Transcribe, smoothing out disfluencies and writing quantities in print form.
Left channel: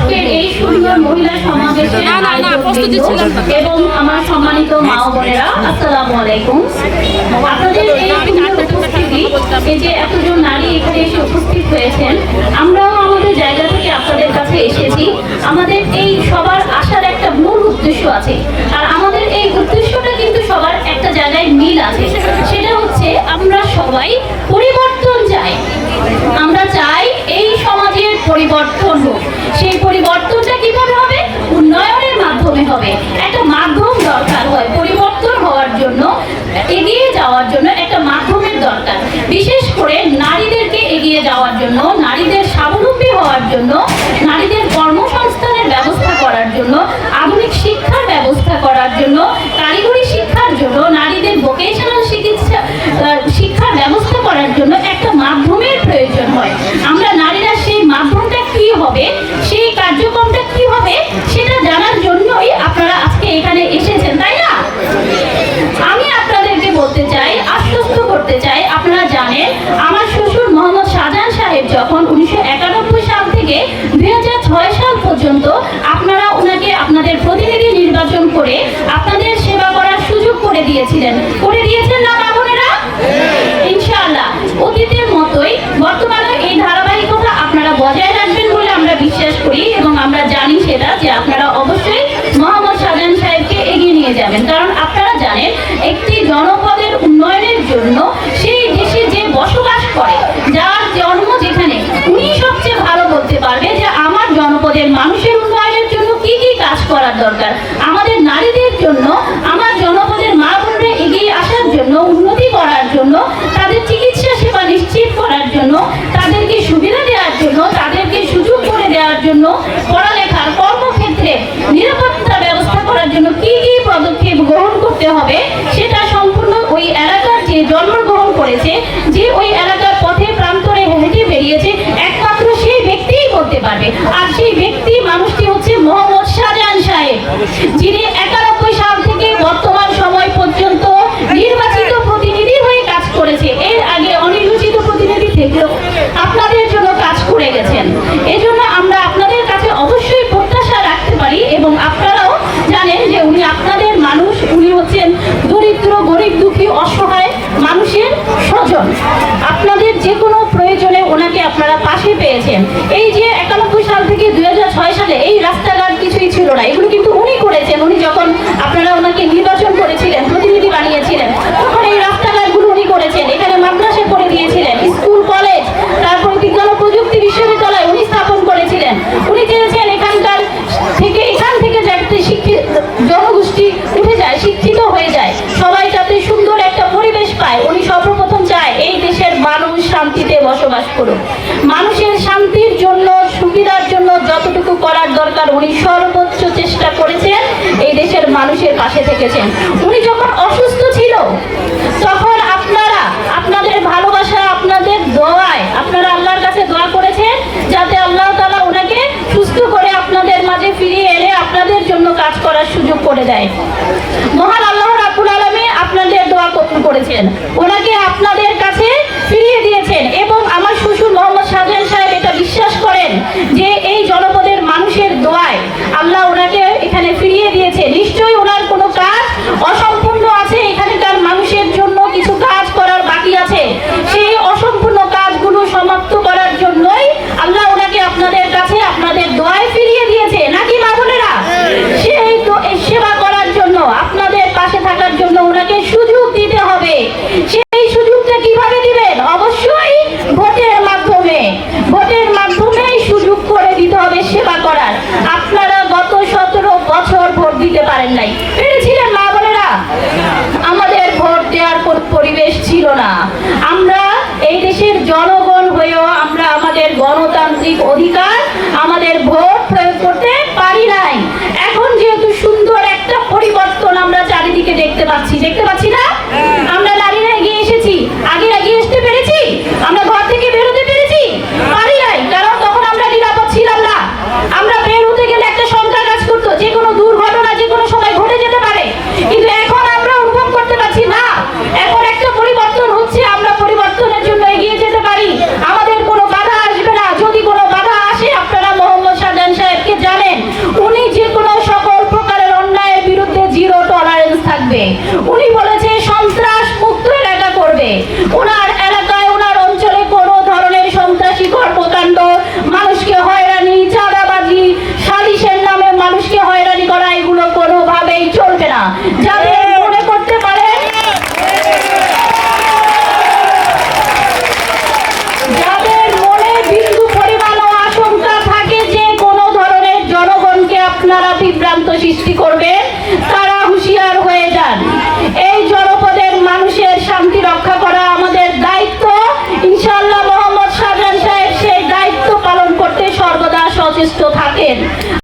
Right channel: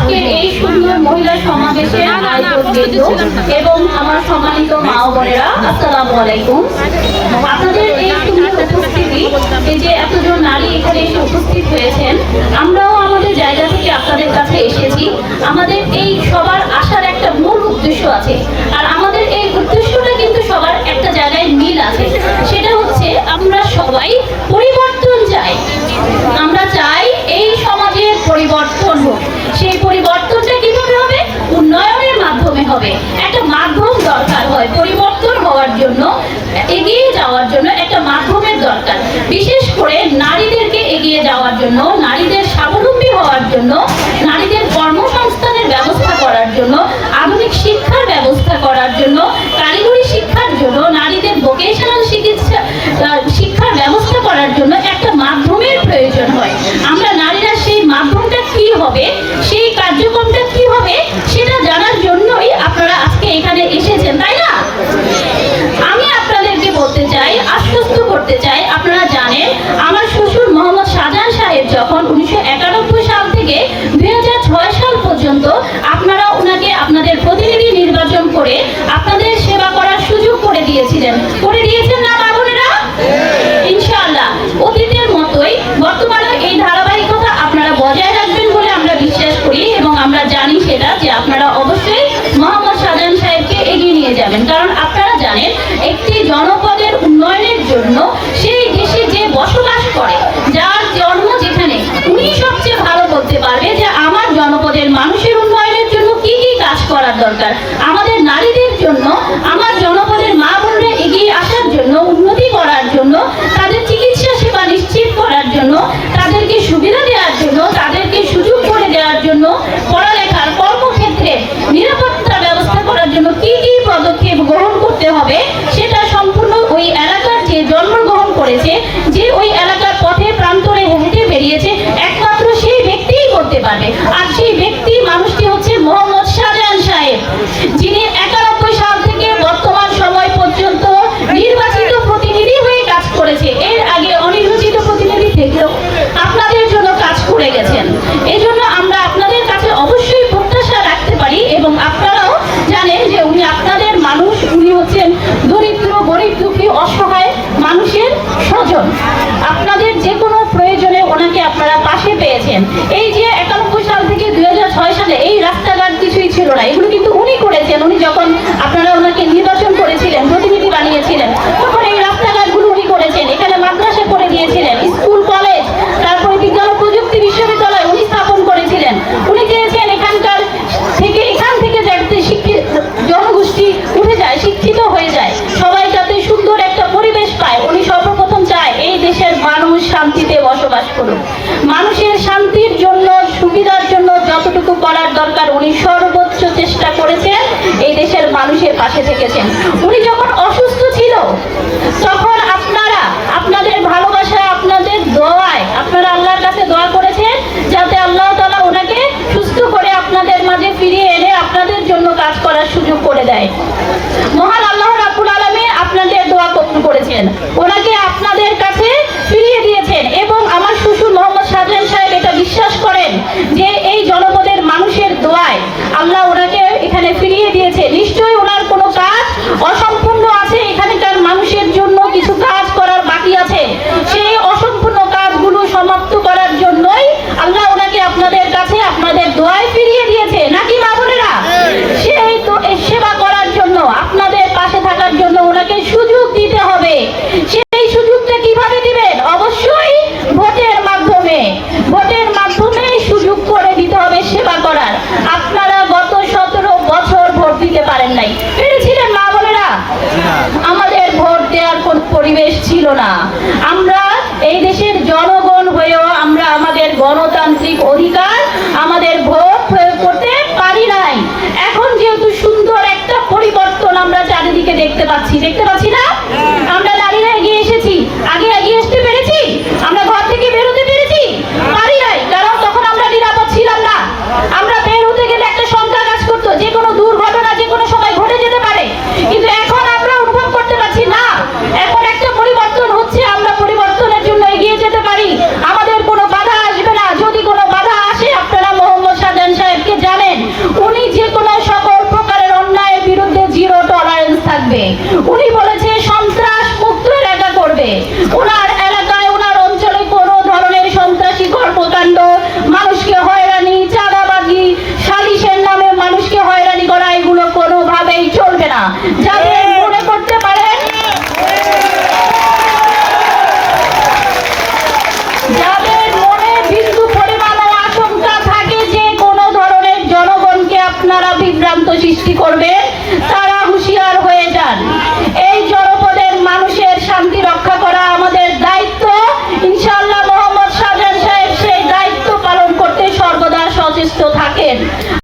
আজকের এই সুন্দর মহিলা সমাবেশের আয়োজকবৃন্দ এবং আমার সম্মানিত মা ও বোনেরা, আসসালামু আলাইকুম। আপনাদের এই সুন্দর উপস্থিতি, এই যে এতজন নারী এখানে এসে উপস্থিত হয়েছেন, আমরাও আমাদের জায়গা থেকে আপনাদের কাছে এসেছি। আমাদের এই সবার আসার একটা মূল উদ্দেশ্য আছে, আর আমাদের এই উদ্দেশ্যটা কিন্তু সবার একটা জায়গায় মিল আছে। সেটা হচ্ছে আমরা সবাই পরিবর্তন চাই। আমরা চাই এই সমাজের পরিবর্তন হোক। সেই পরিবর্তনটা কিভাবে হবে? উন্নয়নের মাধ্যমে হবে। একটা মাধ্যম দরকার হয় পরিবর্তন হওয়ার জন্য, এগিয়ে যাওয়ার জন্য একটা মাধ্যমের দরকার। বিশেষ করে নারীদেরকে এগিয়ে যাওয়ার জন্য, নারীদের স্বাবলম্বী হওয়ার জন্য, নারীদের কর্মসংস্থানের ব্যবস্থা করার জন্য, আধুনিক শিক্ষার ব্যবস্থা করার জন্য, কারিগরি শিক্ষার জন্য, নারীদের ভোকেশনাল শিক্ষার ব্যবস্থা করার জন্য একটা মাধ্যমের প্রয়োজন হয়। আমরা নারীরা সেই মাধ্যমটা কি হবে, সেই কার্যক্রমটা কি হবে, সেটা জানার জন্যই আপনারা আজকে এখানে এসেছেন, তাই না? আমি আপনাদেরকে বলতে চাই, আশ্বস্ত করতে চাই, আপনারা জানেন আমার শ্বশুর মোহাম্মদ শাহজাহান সাহেব যখন 1991 সাল থেকে 2006 সাল পর্যন্ত আপনারা ওনাকে আপনাদের প্রতিনিধি নির্বাচন করে আপনাদের সেবা করার সুযোগ করে দিয়েছিলেন, করে দিয়েছেন না মা বোনেরা? ইনশাআল্লাহ অতীতের মতোই বর্তমানে এই ধারাবাহিকতা আপনারা বজায় রাখবেন বলে আমরা বিশ্বাস করি, এবং আমরা জানি সেটা যে আপনারা অবশ্যই মোহাম্মদ শাহজাহান সাহেবকে এগিয়ে নিয়ে যাবেন। কারণ আপনারা জানেন একটি জনপদের উন্নয়নের জন্য সেই দেশে যে বসবাস করে, যার জন্ম যেখানে, উনি সবচেয়ে ভালো বলতে পারবে যে আমার জনপদের মানুষের উন্নয়নের জন্য কি কি কাজ করার দরকার। আমাদের নারীদের জন্য, আমার জনপদের মা বোনরা এগিয়ে আসার জন্য, উন্নতি করার জন্য, তাদের চিকিৎসা সেবা নিশ্চিত করার জন্য, তাদেরকে সুবিধা দেওয়ার জন্য, তাদেরকে সুযোগ করে দেওয়ার জন্য, পড়ালেখার কর্মক্ষেত্রে নিরাপত্তা ব্যবস্থা করার জন্য কি কি পদক্ষেপ গ্রহণ করতে হবে, সেটা সম্পূর্ণ ওই এলাকার যে জন্মগ্রহণ করেছে, যে ওই এলাকার পথে প্রান্তরে হেঁটে বেরিয়েছে, একমাত্র সেই ব্যক্তিই করতে পারবে। আর সেই ব্যক্তি মানুষটি হচ্ছে মোহাম্মদ শাহজাহান সাহেব, যিনি 91 সাল থেকে বর্তমান সময় পর্যন্ত নির্বাচিত প্রতিনিধি হয়ে কাজ করেছে। এর আগে অনির্বাচিত প্রতিনিধি থেকেও আপনাদের জন্য কাজ করে গেছেন। এজন্য আমরা আপনাদের কাছে অবশ্যই প্রত্যাশা রাখতে পারি, এবং আপনারাও জানেন যে উনি আপনাদের মানুষ, উনি হচ্ছেন দরিদ্র, গরিব, দুঃখী, অসহায় মানুষের স্বজন। আপনাদের যে কোনো প্রয়োজনে ওনাকে আপনারা পাশে পেয়েছেন। এই যে 91 সাল থেকে 2006 সালে এই রাস্তাঘাট কিছুই ছিল না, এগুলো কিন্তু উনি করেছেন। উনি যখন আপনারা ওনাকে নির্বাচন করেছিলেন, প্রতিনিধি বানিয়েছিলেন, তখন এই রাস্তাঘাটগুলো উনি করেছেন। এখানে মাদ্রাসা করে দিয়েছিলেন, স্কুল, কলেজ, তারপরে বিজ্ঞান ও প্রযুক্তি বিশ্ববিদ্যালয় উনি স্থাপন করেছিলেন। উনি চেয়েছেন এখান থেকে যাতে জনগোষ্ঠী উঠে যায়, শিক্ষিত হয়ে যায়, সবাই যাতে সুন্দর একটা পরিবেশ পায়। উনি সর্বপ্রথম চায় এই দেশের মানুষ শান্তিতে বসবাস করুন। মানুষের শান্তির জন্য, সুবিধার জন্য যতটুকু করার দরকার উনি সর্বোচ্চ চেষ্টা করেছেন, এই দেশের মানুষের পাশে থেকেছেন। উনি যখন অসুস্থ ছিল তখন আপনারা আপনাদের ভালোবাসা, আপনাদের দোয়ায় আপনারা আল্লাহর কাছে দোয়া করেছেন যাতে আল্লাহ তাআলা ওনাকে সুস্থ করে আপনাদের মাঝে ফিরিয়ে এনে আপনাদের জন্য কাজ করার সুযোগ করে দেয়। মহান আল্লাহ রাব্বুল আলামিন আপনাদের দোয়া কবুল করেছেন, ওনাকে আপনাদের কাছে ফিরিয়ে দিয়েছেন। এবং আমার শ্বশুর মোহাম্মদ শাহজাহান সাহেব এটা বিশ্বাস করেন যে এই জনপদের মানুষের দোয়ায় আল্লাহ ওনাকে এখানে ফিরিয়ে দিয়েছে। নিশ্চয়ই ওনার কোনো কাজ ওনার